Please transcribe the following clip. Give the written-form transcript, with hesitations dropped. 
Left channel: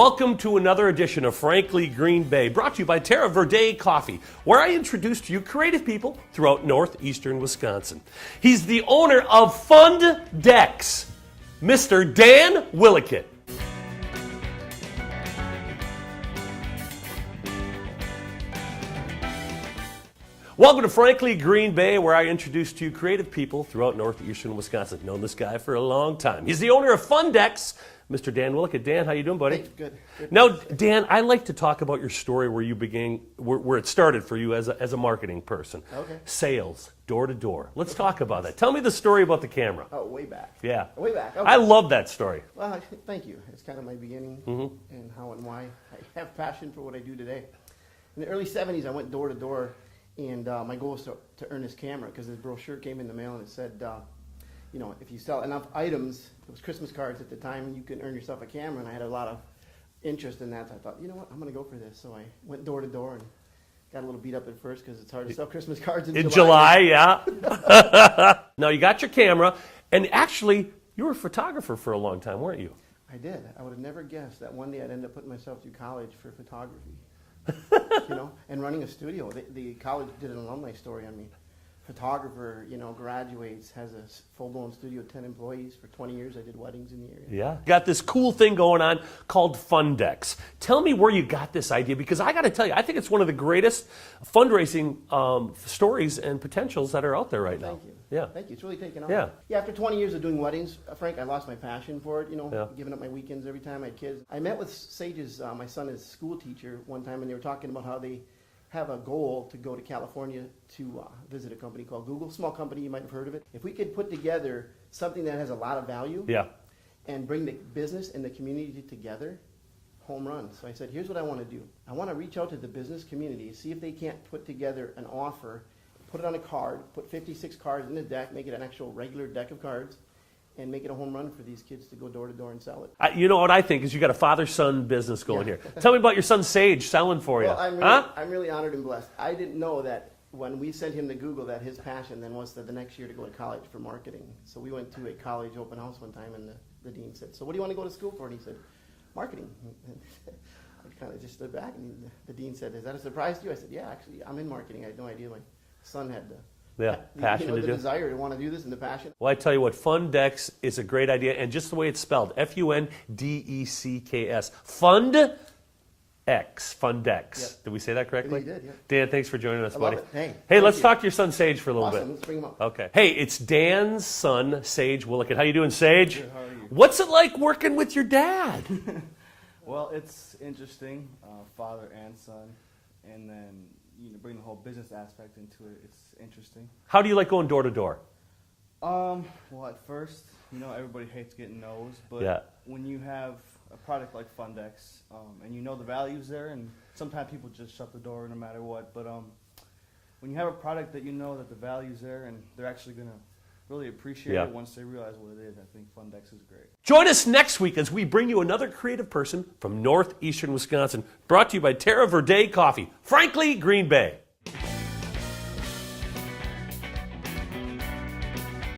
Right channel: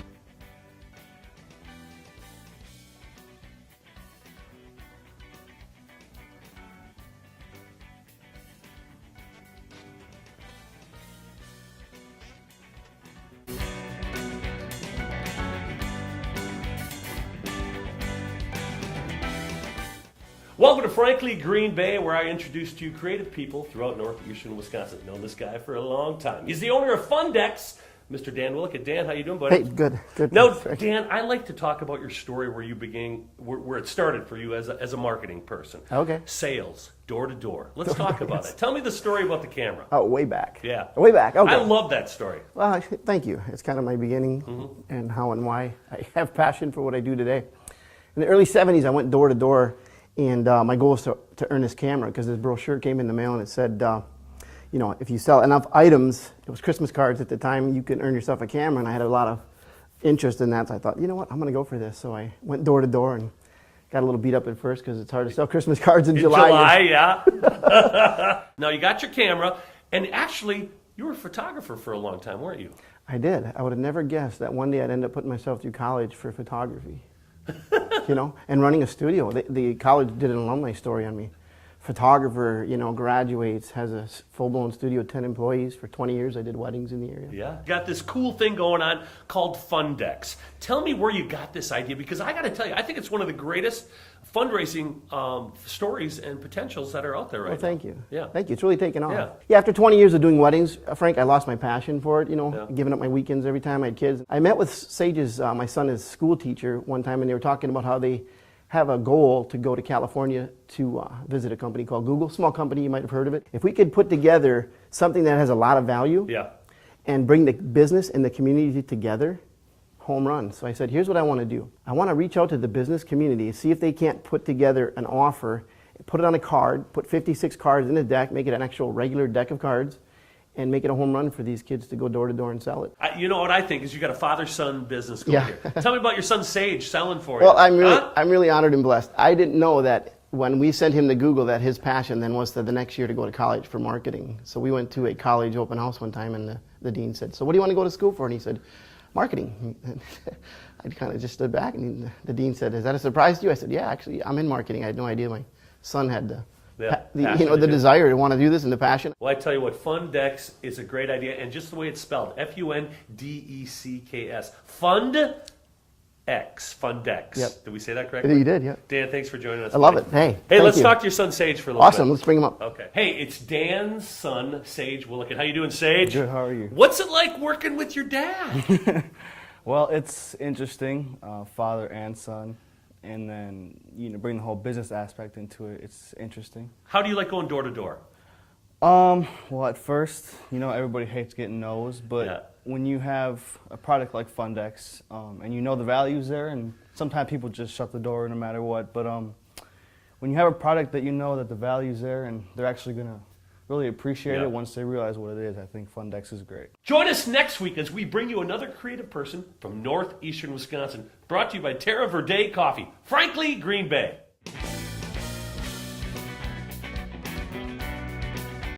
Welcome to another edition of Frankly Green Bay, brought to you by Terra Verde Coffee, where I introduce to you creative people throughout northeastern Wisconsin. He's the owner of Fundex, Mr. Dan Willickett. Welcome to Frankly Green Bay, where I introduce to you creative people throughout northeastern Wisconsin. I've known this guy for a long time. He's the owner of Fundex, Mr. Dan Willickett. Dan, how you doing, buddy? Hey, good. Now, Dan, I like to talk about your story where you began, where it started for you as a marketing person. Okay. Sales, door to door. Let's talk about it. Tell me the story about the camera. Oh, way back. Yeah. Way back. Okay. I love that story. Well, thank you. It's kind of my beginning and how and why I have passion for what I do today. In the early 70s, I went door to door, and my goal was to earn this camera because this brochure came in the mail and it said, you know, if you sell enough items, it was Christmas cards at the time, you can earn yourself a camera, and I had a lot of interest in that, so I thought, you know what, I'm going to go for this. So I went door to door and got a little beat up at first because it's hard to sell Christmas cards in July. Yeah. Now, you got your camera, and actually, you were a photographer for a long time, weren't you? I did. I would have never guessed that one day I'd end up putting myself through college for photography. You know, and running a studio. The college did an alumni story on me. Photographer, you know, graduates, has a full-blown studio, 10 employees. For 20 years, I did weddings in the area. Yeah. Got this cool thing going on called Fundex. Tell me where you got this idea, because I got to tell you, I think it's one of the greatest fundraising stories and potentials that are out there right now. Thank you. Yeah. Thank you. It's really taken off. Yeah. After 20 years of doing weddings, Frank, I lost my passion for it, you know, giving up my weekends every time I had kids. I met with Sage's, my son is school teacher one time, and they were talking about how they have a goal to go to California to visit a company called Google, small company, you might have heard of it. If we could put together something that has a lot of value and bring the business and the community together, home run. So I said, here's what I want to do. I want to reach out to the business community, see if they can't put together an offer, put it on a card, put 56 cards in a deck, make it an actual regular deck of cards, and make it a home run for these kids to go door to door and sell it. You know what I think is you got a father-son business going here. Tell me about your son Sage selling for you. Well, I'm really honored and blessed. I didn't know that when we sent him to Google that his passion then was the next year to go to college for marketing. So we went to a college open house one time, and the dean said, so what do you want to go to school for? And he said, marketing. I kind of just stood back, and the dean said, is that a surprise to you? I said, yeah, actually, I'm in marketing. I had no idea my son had the desire to want to do this and the passion. Well, I tell you what, Fundex is a great idea, and just the way it's spelled, F-U-N-D-E-C-K-S. Fundex. Yep. Did we say that correctly? You did, yeah. Dan, thanks for joining us. I love it. Hey, let's talk to your son Sage for a little bit. Awesome, let's bring him up. Okay. Hey, it's Dan's son, Sage Willickett. How you doing, Sage? Good, how are you? What's it like working with your dad? Well, it's interesting, father and son, and then bring the whole business aspect into it. It's interesting. How do you like going door to door? Well, at first, everybody hates getting no's, but when you have a product like Fundex, and you know the value's there, and sometimes people just shut the door no matter what, but when you have a product that you know that the value's there and they're actually going to really appreciate it once they realize what it is, I think Fundex is great. Join us next week as we bring you another creative person from northeastern Wisconsin, brought to you by Terra Verde Coffee. Frankly, Green Bay.